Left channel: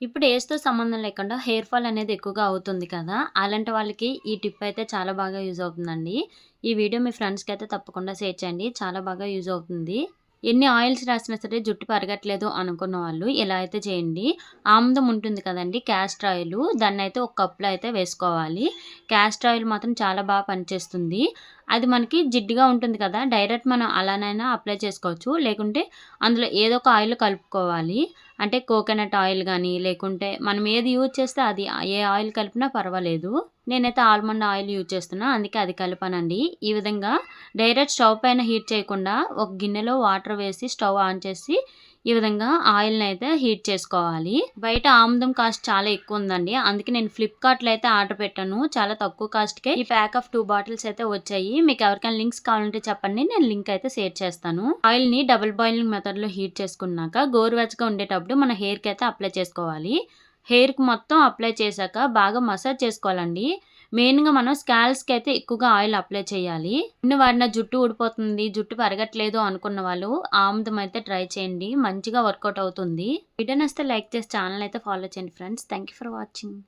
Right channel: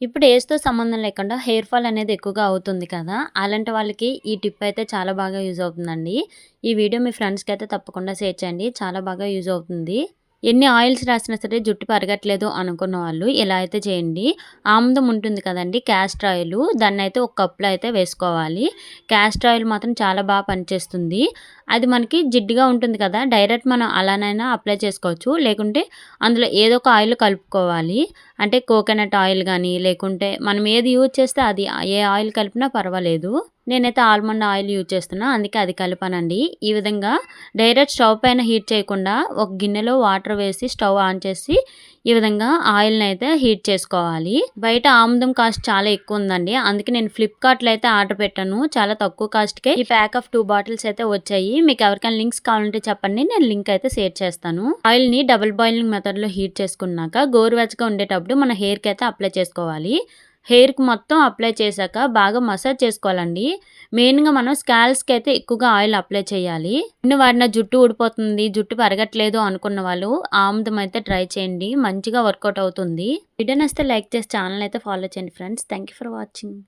ఇప్పుడు ఏజ్‌తో సంబంధం లేకుండా హెయిర్ ఫాల్ అనేది ఎక్కువగా అవుతుంది కదా! అలాంటి వాళ్ళకి ఈ టిప్ అయితే చాలా బాగా యూజ్ అవుతుందండి. ఈ వీడియో మీ ఫ్రెండ్స్కి అయితే తప్పకుండా షేర్ చేయండి. చాలా బాగా యూజ్ అవుతుంది. ఎన్ని ఆయిల్స్ రాసినా సరే జుట్టు పెరగట్లేదు అనుకున్న వాళ్ళు ఇలా అయితే చేయండి. ఆముదం ఉంటుంది కదండి క్యాస్టర్ ఆయిల్ దాన్ని అయితే ఒక కప్‌లో అయితే వేసుకోవాలి. క్యాస్టర్ ఆయిల్ మాత్రం చాలా బాగా పనిచేస్తుంది. అది మనకి జిడ్డుగా ఉంటుంది కదా! డైరెక్ట్ మనం అలానైనా అప్లై చేసుకోవచ్చు. లేకుంటే అందులో ఏదో ఒక ఆయిల్ కలుపుకోవాలి. అంటే కోకోనట్ ఆయిల్ కానీ లేకుంటే మనం ఏది యూజ్ చేస్తే అది ఏ ఆయిల్ కలిపినా పర్వాలేదు. నేనైతే ఆల్మండ్ ఆయిల్ యూజ్ చేస్తున్నా. అందుకే అది కలిపానండి. ఈ విధంగా డైరెక్ట్ స్టవ్ పైన హీట్ చేయకుండా ఒక గిన్నెలో వాటర్ వేసి స్టవ్ ఆన్ చేసి ఈ విధంగా ఆయిల్‌ని అయితే హీట్ చేసుకోవాలి. బయట ఆముదం కాస్ట్ చాలా ఎక్కువ ఉందండి. అందుకే నేను ఫ్లిప్‌కార్ట్‌లో అయితే ఆర్డర్ పెట్టాను. చాలా తక్కువ కాస్ట్‌కే ఈ ప్యాక్ ఆఫ్ టూ బాటిల్స్ అయితే వచ్చాయి. మీకు ఎవరికైనా లింక్స్ కావాలంటే చెప్పండి. నేను లింక్ అయితే షేర్ చేస్తాను. ఆయిల్‌ని డబుల్ బాయిలింగ్ మెథడ్‌లో హీట్ చేసుకున్నాక గోరువెచ్చగా ఉండేటప్పుడు మన హెయిర్‌కి అయితే అప్లై చేసుకోవాలి. హెయిర్‌కి మొత్తం అప్లై చేశాక బాగా మసాజ్ చేసుకోవాలండి. మెయిన్‌గా మనం స్కాల్స్కి అయితే ఎక్కువగా ఆయిల్ అప్లై చేయాలి. నూనె వాడిన జుట్టు ఊడిపోతుంది, జుట్టు పెరగట్లేదు అనుకున్న వాళ్ళు ఆముదం అయితే ట్రై చేయండి. మంచిగా వర్కౌట్ అవుతుంది. వీడియో నస్తే లైక్ చేసి ఛానల్ అయితే ఫాలో చేయండి friends. Thank you for watching.